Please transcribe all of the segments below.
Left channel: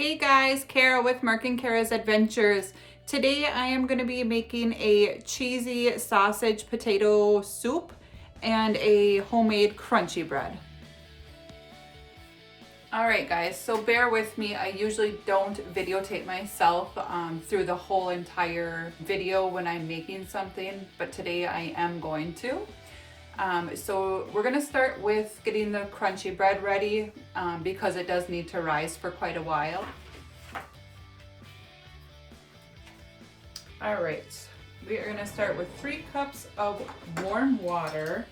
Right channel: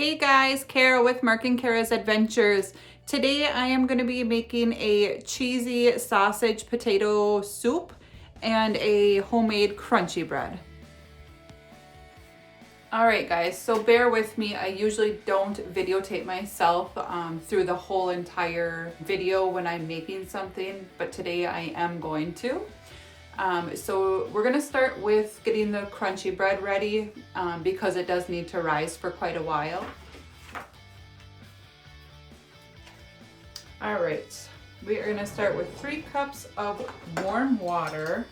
Hey guys, Kara with Mark and Kara's Adventures. Today I am going to be making a cheesy sausage potato soup and a homemade crunchy bread. Alright guys, so bear with me. I usually don't videotape myself through the whole entire video when I'm making something, but today I am going to. So we're going to start with getting the crunchy bread ready because it does need to rise for quite a while. All right, we are going to start with 3 cups of warm water.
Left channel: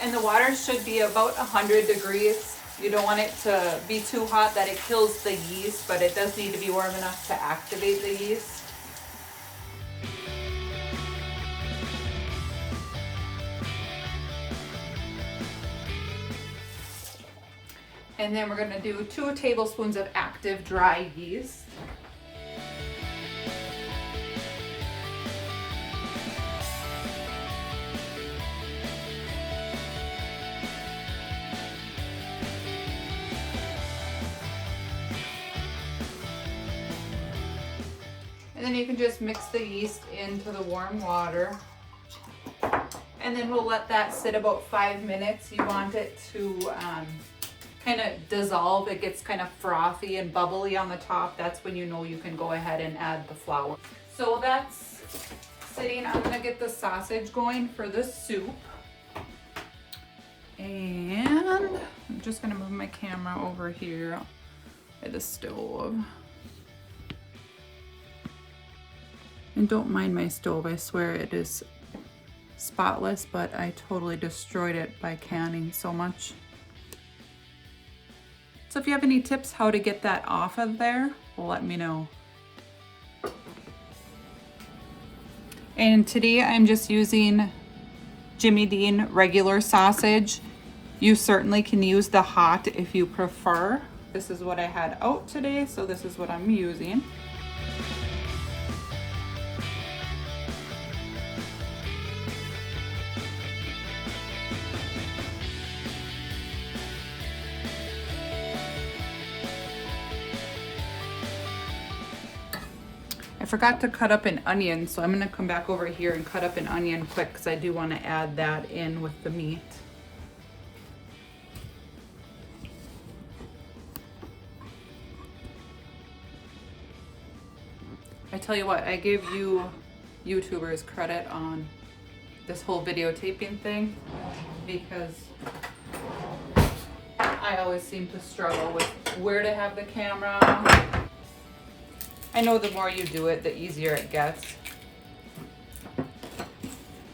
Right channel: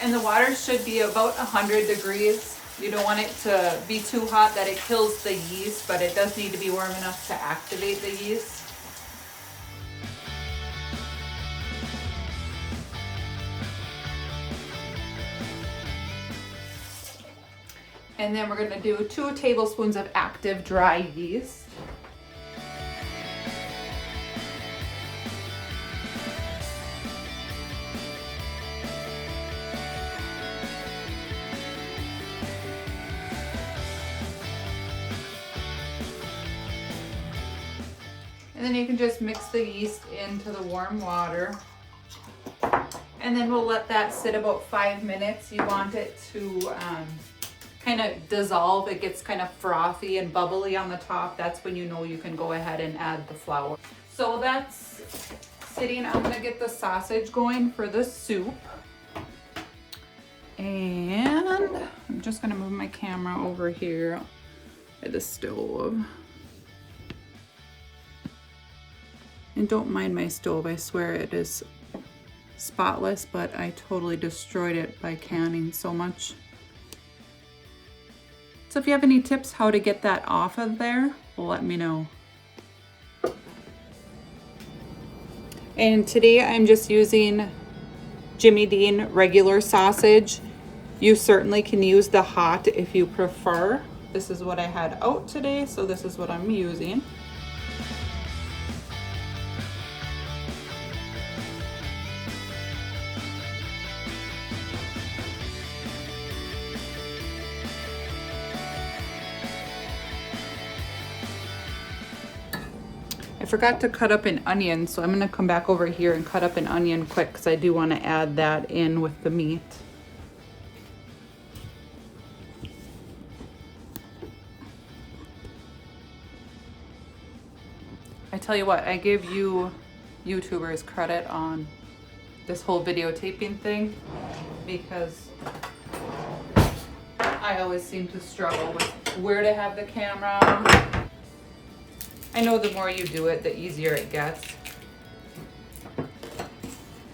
And the water should be about 100 degrees. You don't want it to be too hot that it kills the yeast, but it does need to be warm enough to activate the yeast. And then we're going to do 2 tablespoons of active dry yeast. And then you can just mix the yeast into the warm water. And then we'll let that sit about 5 minutes. You want it to kind of dissolve. It gets kind of frothy and bubbly on the top. That's when you know you can go ahead and add the flour. So that's sitting. I'm gonna get the sausage going for the soup. And I'm just gonna move my camera over here by the stove. And don't mind my stove, I swear it is spotless, but I totally destroyed it by canning so much. So if you have any tips how to get that off of there, let me know. And today I'm just using Jimmy Dean regular sausage. You certainly can use the hot if you prefer. This is what I had out today, so this is what I'm using. I forgot to cut up an onion, so I'm gonna come back over here and cut up an onion quick because I do want to add that in with the meat. I tell you what, I give you YouTubers credit on this whole videotaping thing because I always seem to struggle with where to have the camera. I know the more you do it, the easier it gets. All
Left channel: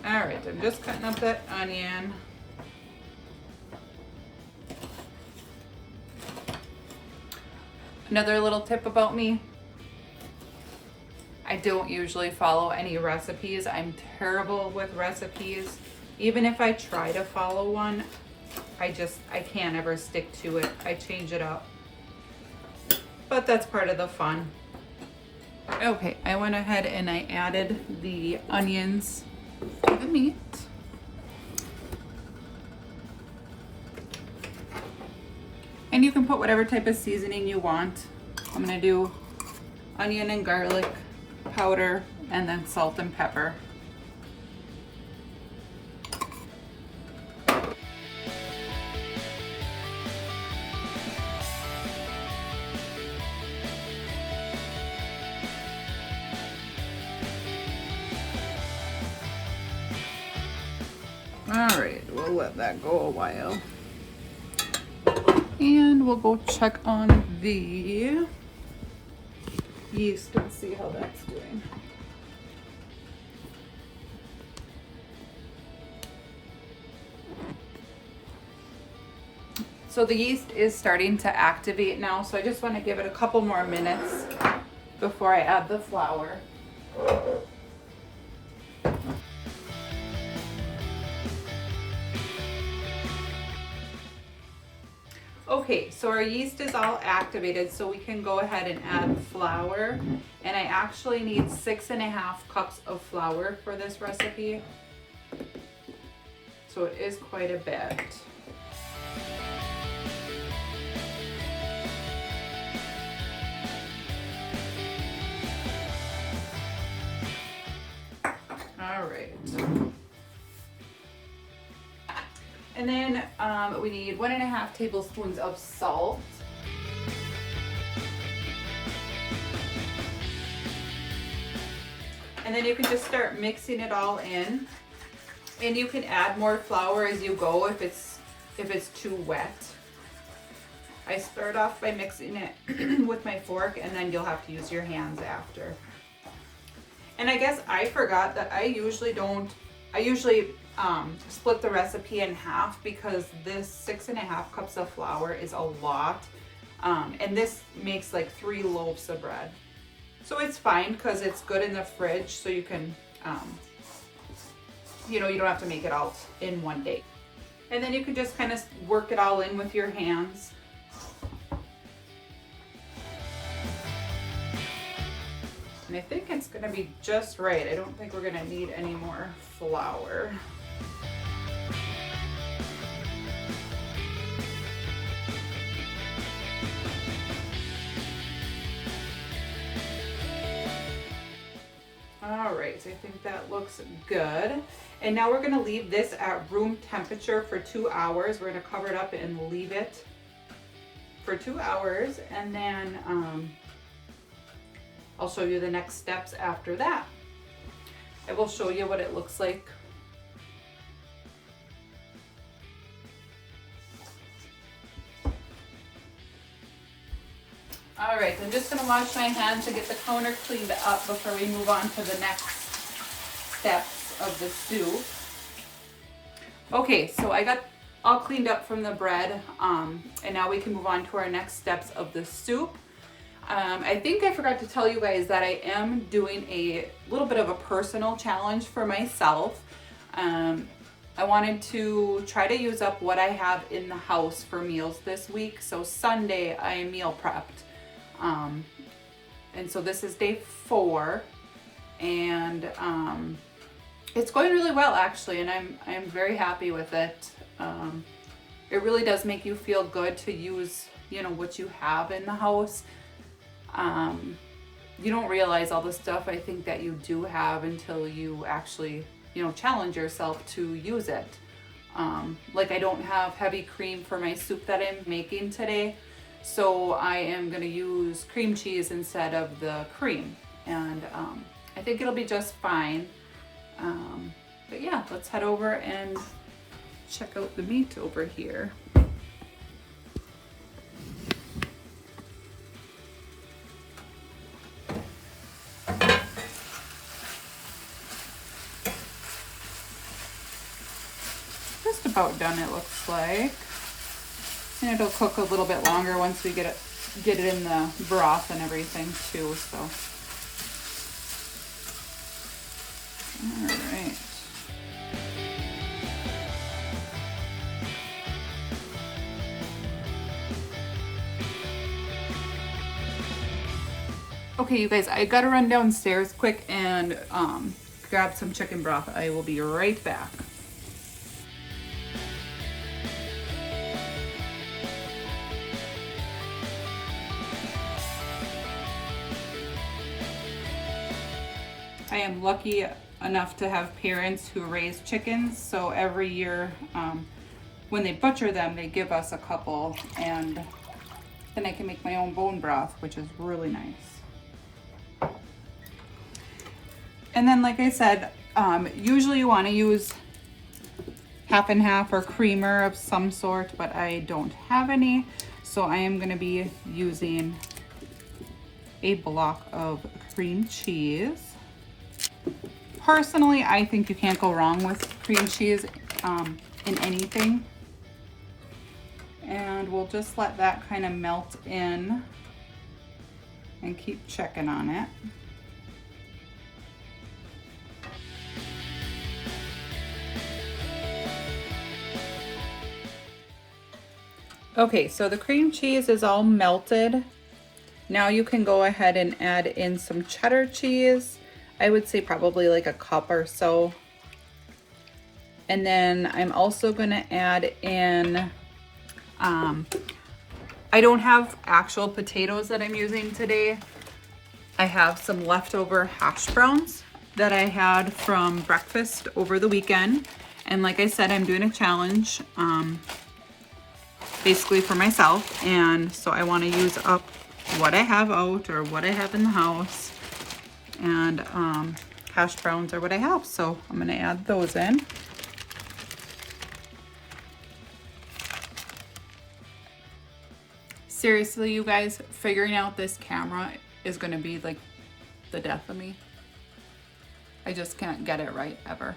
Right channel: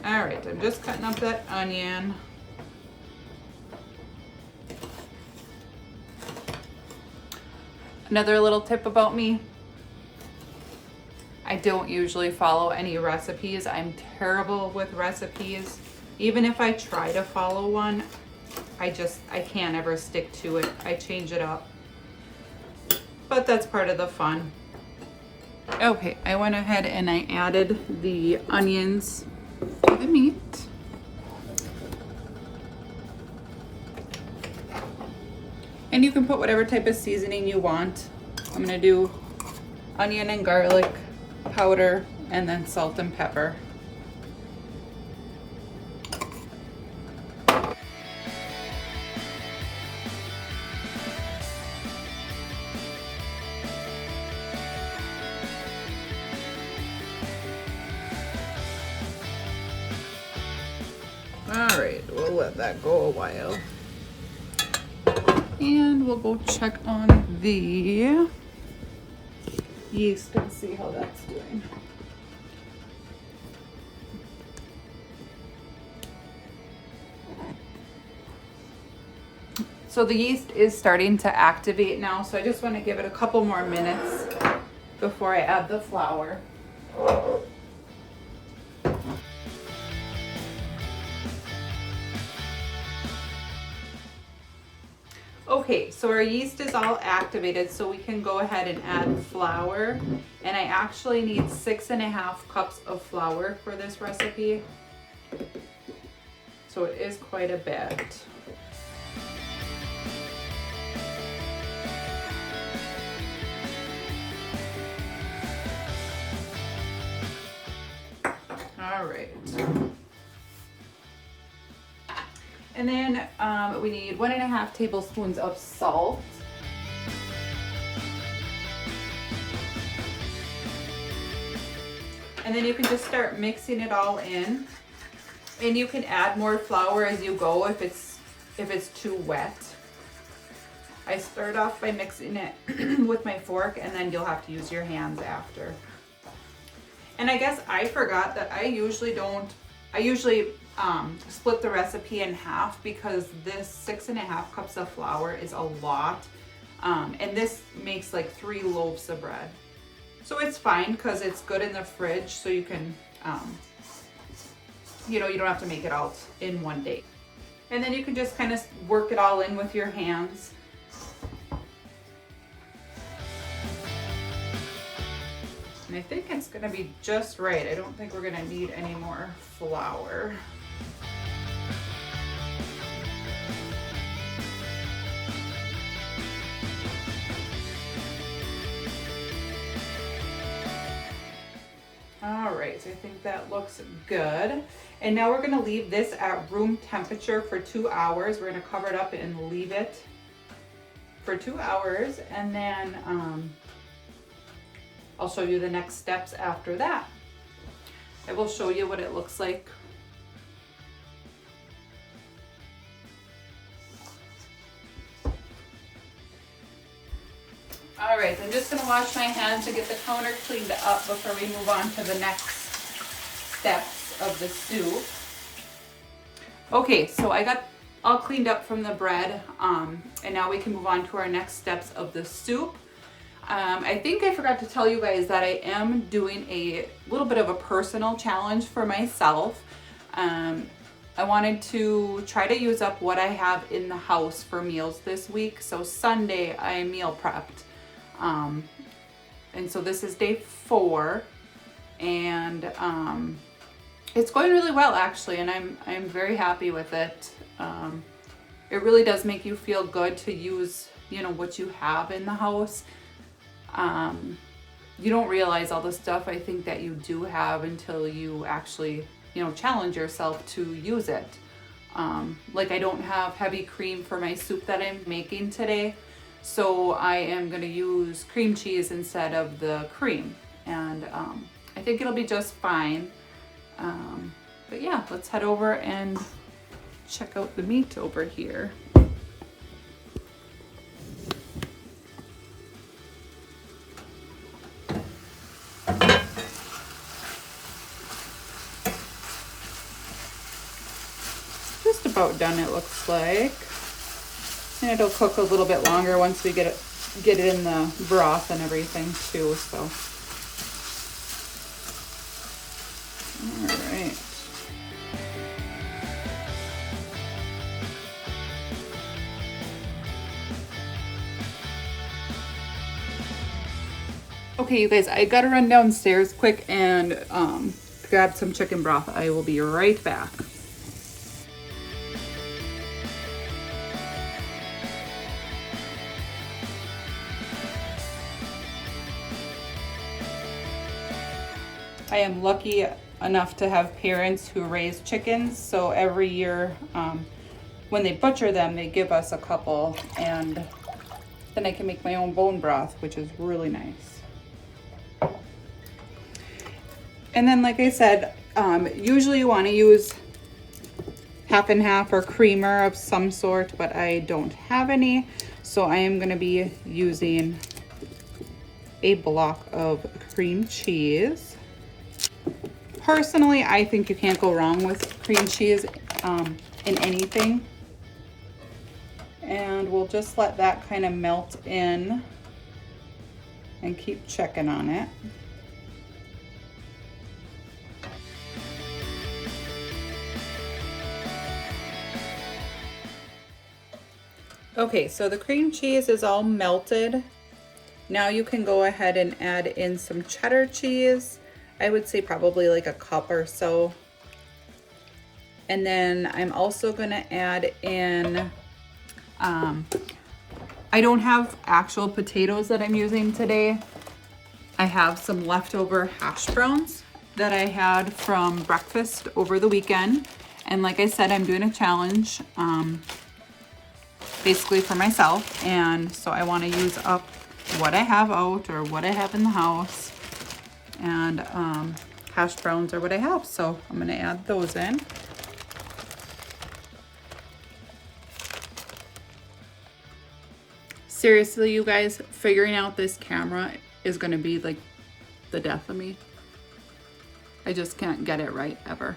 right, I'm just cutting up that onion. Another little tip about me, I don't usually follow any recipes. I'm terrible with recipes. Even if I try to follow one, I can't ever stick to it. I change it up. But that's part of the fun. Okay, I went ahead and I added the onions to the meat. And you can put whatever type of seasoning you want. I'm gonna do onion and garlic powder and then salt and pepper. All right, we'll let that go a while. And we'll go check on the yeast and see how that's doing. So the yeast is starting to activate now, so I just want to give it a couple more minutes before I add the flour. Okay, so our yeast is all activated, so we can go ahead and add flour. And I actually need 6.5 cups of flour for this recipe. So it is quite a bit. All right. And then we need 1.5 tablespoons of salt. And then you can just start mixing it all in. And you can add more flour as you go if it's too wet. I start off by mixing it with my fork, and then you'll have to use your hands after. And I guess I forgot that I usually split the recipe in half, because this 6.5 cups of flour is a lot. And this makes like 3 loaves of bread. So it's fine because it's good in the fridge, so you can, you don't have to make it out in one day. And then you can just kind of work it all in with your hands. And I think it's gonna be just right. I don't think we're gonna need any more flour. All right, so I think that looks good. And now we're gonna leave this at room temperature for 2 hours. We're gonna cover it up and leave it for 2 hours, and then I'll show you the next steps after that. I will show you what it looks like. All right, I'm just gonna wash my hands and get the counter cleaned up before we move on to the next steps of the soup. Okay, so I got all cleaned up from the bread, and now we can move on to our next steps of the soup. I think I forgot to tell you guys that I am doing a little bit of a personal challenge for myself. I wanted to try to use up what I have in the house for meals this week. So Sunday I meal prepped. And so this is day 4, and it's going really well actually, and I'm very happy with it. It really does make you feel good to use, what you have in the house. You don't realize all the stuff I think that you do have until you actually, challenge yourself to use it. Like I don't have heavy cream for my soup that I'm making today, so I am going to use cream cheese instead of the cream, and I think it'll be just fine. But yeah, let's head over and check out the meat over here. Just about done, it looks like. And it'll cook a little bit longer once we get it in the broth and everything too, so. All right. Okay, you guys, I gotta run downstairs quick and grab some chicken broth. I will be right back. I am lucky enough to have parents who raise chickens, so every year when they butcher them, they give us a couple, and then I can make my own bone broth, which is really nice. And then, like I said, usually you want to use half and half or creamer of some sort, but I don't have any, so I am going to be using a block of cream cheese. Personally, I think you can't go wrong with cream cheese in anything. And we'll just let that kind of melt in and keep checking on it. Okay, so the cream cheese is all melted. Now you can go ahead and add in some cheddar cheese. I would say probably like a cup or so. And then I'm also gonna add in, I don't have actual potatoes that I'm using today. I have some leftover hash browns that I had from breakfast over the weekend. And like I said, I'm doing a challenge, basically for myself. And so I wanna use up what I have out or what I have in the house. And hash browns are what I have. So I'm gonna add those in. Seriously, you guys, figuring out this camera is gonna be like the death of me. I just can't get it right ever.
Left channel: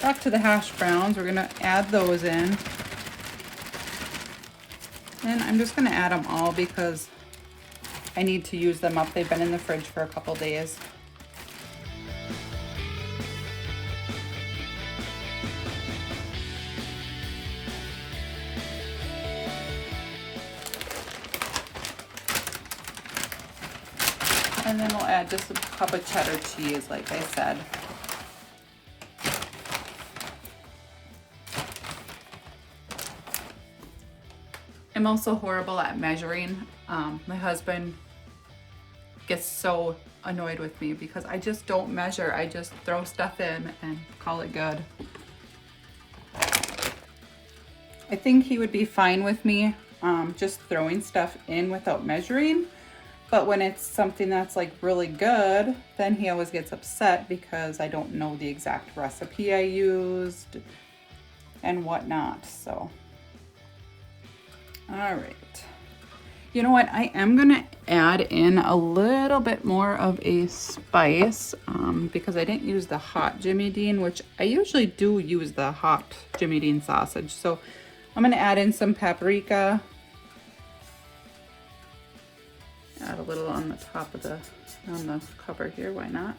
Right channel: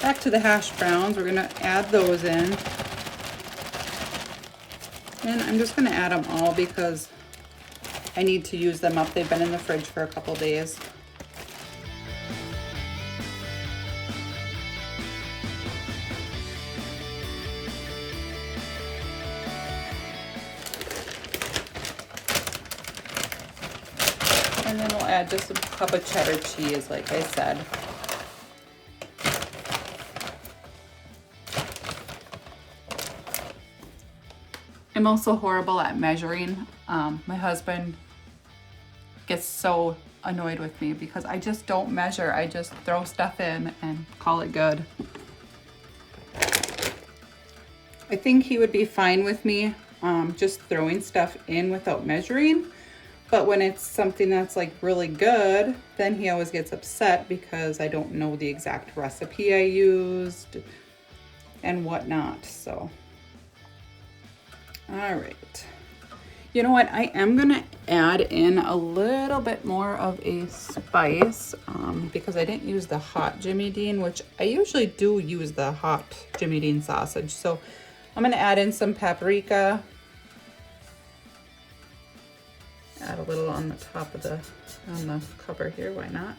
Back to the hash browns, we're gonna add those in. And I'm just gonna add them all because I need to use them up. They've been in the fridge for a couple days. And then we'll add just a cup of cheddar cheese, like I said. I'm also horrible at measuring. My husband gets so annoyed with me because I just don't measure. I just throw stuff in and call it good. I think he would be fine with me just throwing stuff in without measuring. But when it's something that's like really good, then he always gets upset because I don't know the exact recipe I used and whatnot. So, all right. You know what? I am gonna add in a little bit more of a spice because I didn't use the hot Jimmy Dean, which I usually do use the hot Jimmy Dean sausage. So I'm gonna add in some paprika. Add a little on the top of the cover here, why not?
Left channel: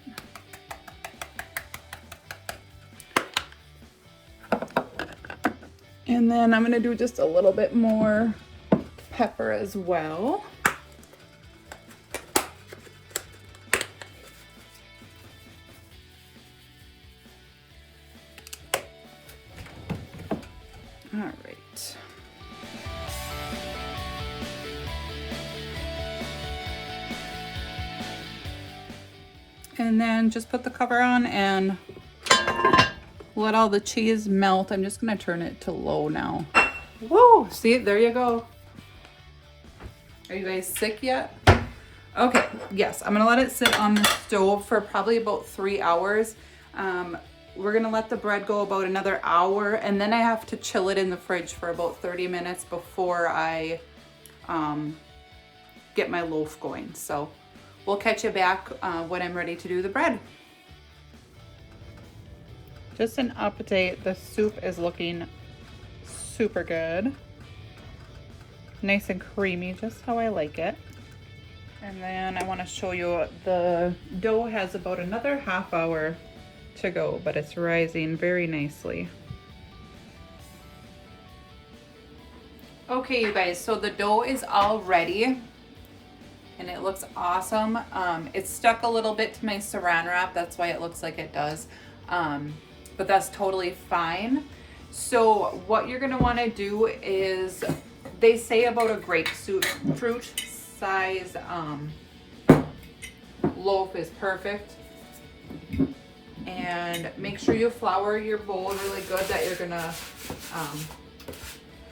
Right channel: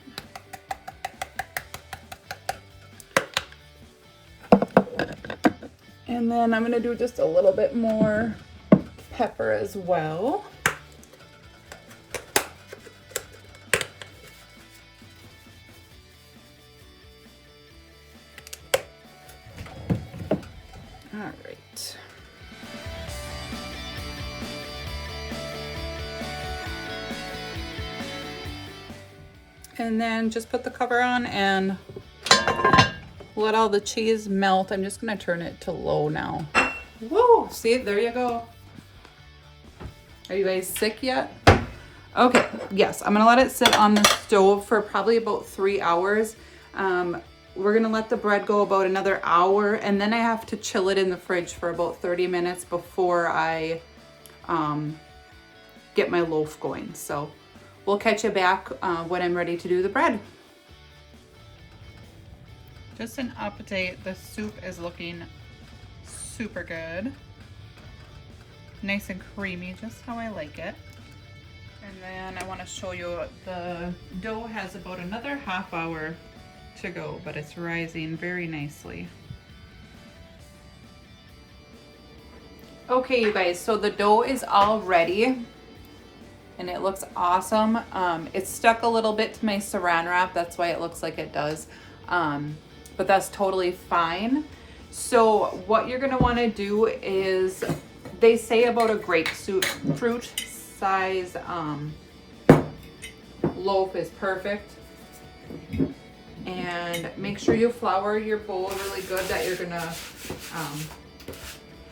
And then I'm gonna do just a little bit more pepper as well. All right. And then just put the cover on and let all the cheese melt. I'm just gonna turn it to low now. Whoa, see, there you go. Are you guys sick yet? Okay, yes, I'm gonna let it sit on the stove for probably about 3 hours. We're gonna let the bread go about another hour, and then I have to chill it in the fridge for about 30 minutes before I get my loaf going. So we'll catch you back when I'm ready to do the bread. Just an update, the soup is looking super good. Nice and creamy, just how I like it. And then I want to show you the dough has about another half hour to go, but it's rising very nicely. Okay, you guys, so the dough is all ready and it looks awesome. It's stuck a little bit to my saran wrap, that's why it looks like it does, but that's totally fine. So what you're gonna wanna do is, they say about a grapefruit size loaf is perfect. And make sure you flour your bowl really good that you're gonna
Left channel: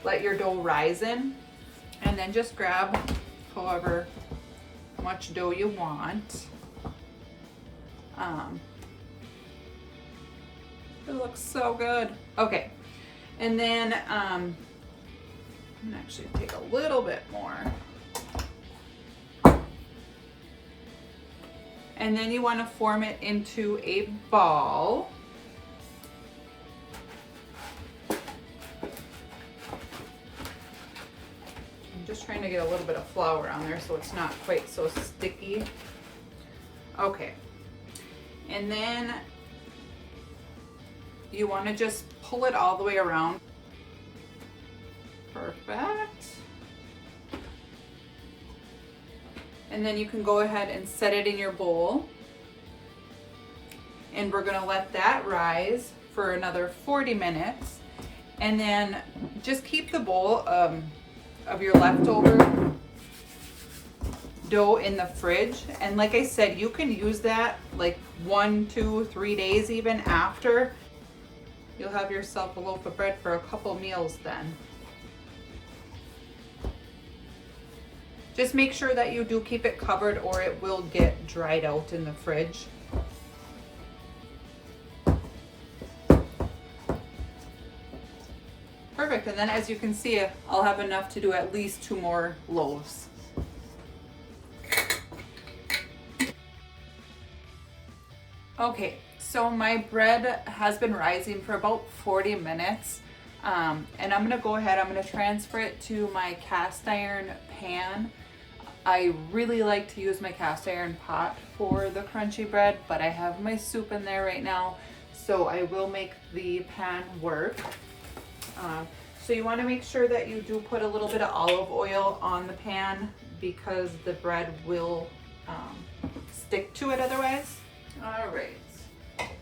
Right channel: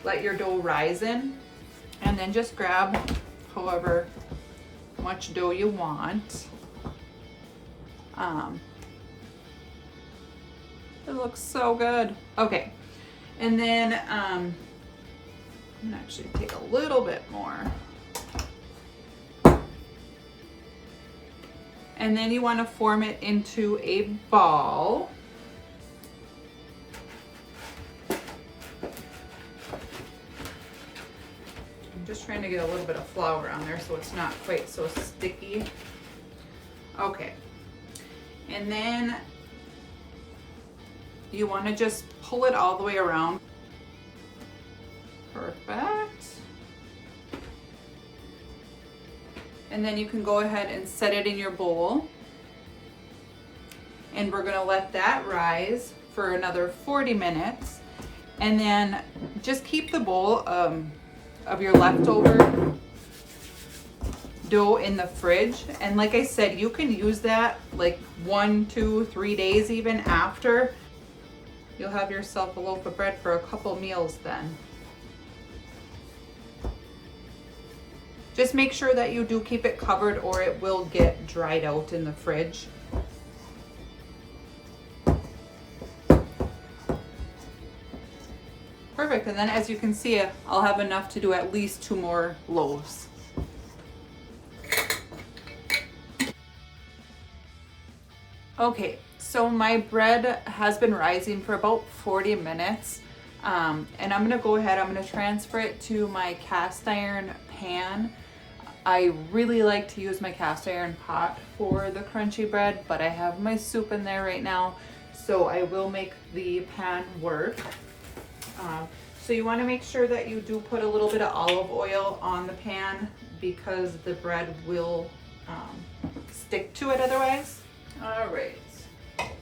let your dough rise in. And then just grab however much dough you want. It looks so good. Okay, and then I'm gonna actually take a little bit more. And then you want to form it into a ball. I'm just trying to get a little bit of flour on there so it's not quite so sticky. Okay. And then you want to just pull it all the way around. Perfect. And then you can go ahead and set it in your bowl. And we're gonna let that rise for another 40 minutes. And then just keep the bowl of your leftover dough in the fridge. And like I said, you can use that like 1, 2, 3 days even after. You'll have yourself a loaf of bread for a couple meals then. Just make sure that you do keep it covered or it will get dried out in the fridge. Perfect, and then as you can see, I'll have enough to do at least 2 more loaves. Okay, so my bread has been rising for about 40 minutes. And I'm gonna go ahead, I'm gonna transfer it to my cast iron pan. I really like to use my cast iron pot for the crunchy bread, but I have my soup in there right now, so I will make the pan work. So you want to make sure that you do put a little bit of olive oil on the pan because the bread will stick to it otherwise. All right.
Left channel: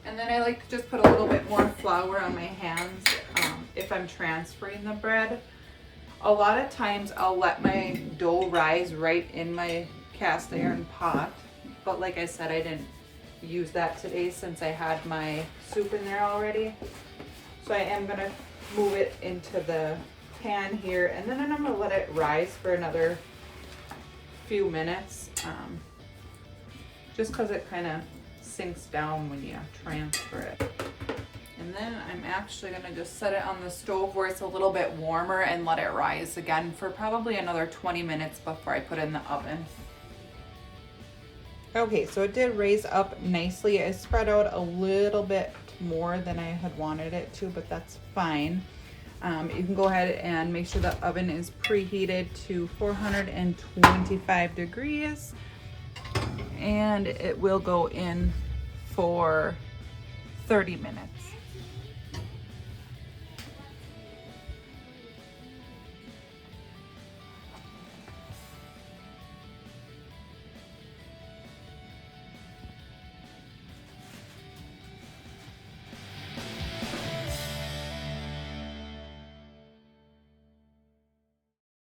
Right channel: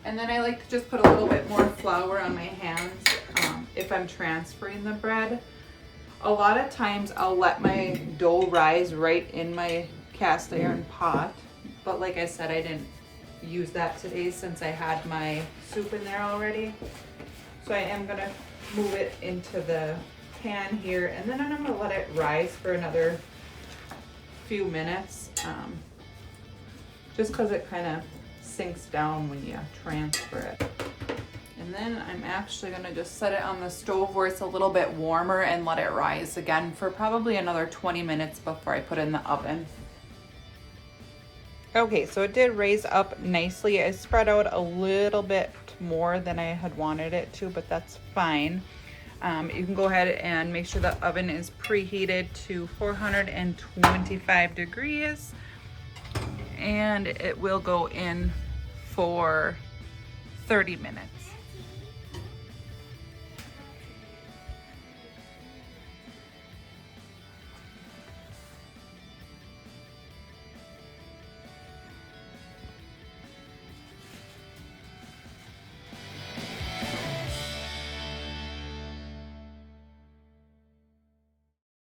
And then I like to just put a little bit more flour on my hands if I'm transferring the bread. A lot of times I'll let my dough rise right in my cast iron pot, but like I said, I didn't use that today since I had my soup in there already. So I am gonna move it into the pan here, and then I'm gonna let it rise for another few minutes, just because it kind of sinks down when you transfer it. And then I'm actually gonna just set it on the stove where it's a little bit warmer and let it rise again for probably another 20 minutes before I put it in the oven. Okay, so it did raise up nicely. It spread out a little bit more than I had wanted it to, but that's fine. You can go ahead and make sure the oven is preheated to 425 degrees, and it will go in for 30 minutes.